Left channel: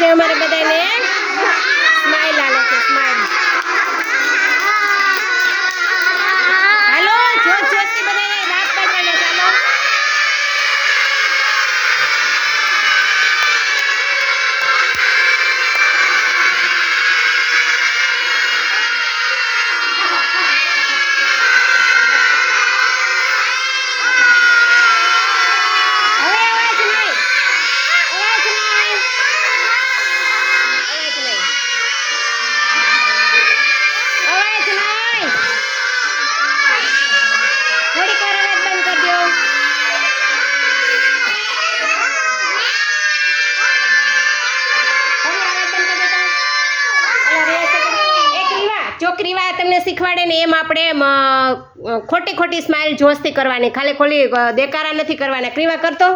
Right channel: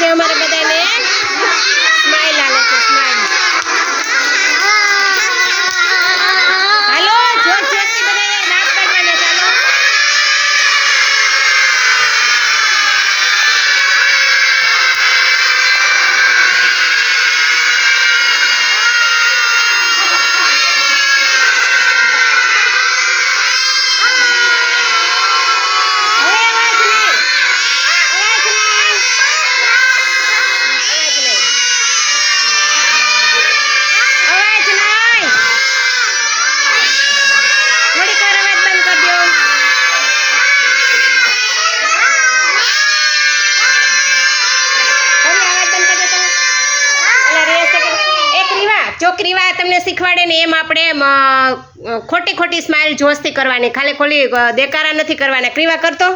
बच्चे हमारे बदले स्माइल डाले थे રીવા તમને શીખવાડે ને એમ આપણે ખોટી ખોટી સ્માઇલ જોશથી કરવાની. ખાલી ખોલી દેકારા નથી કરવાના. ક્રીવા કરતો?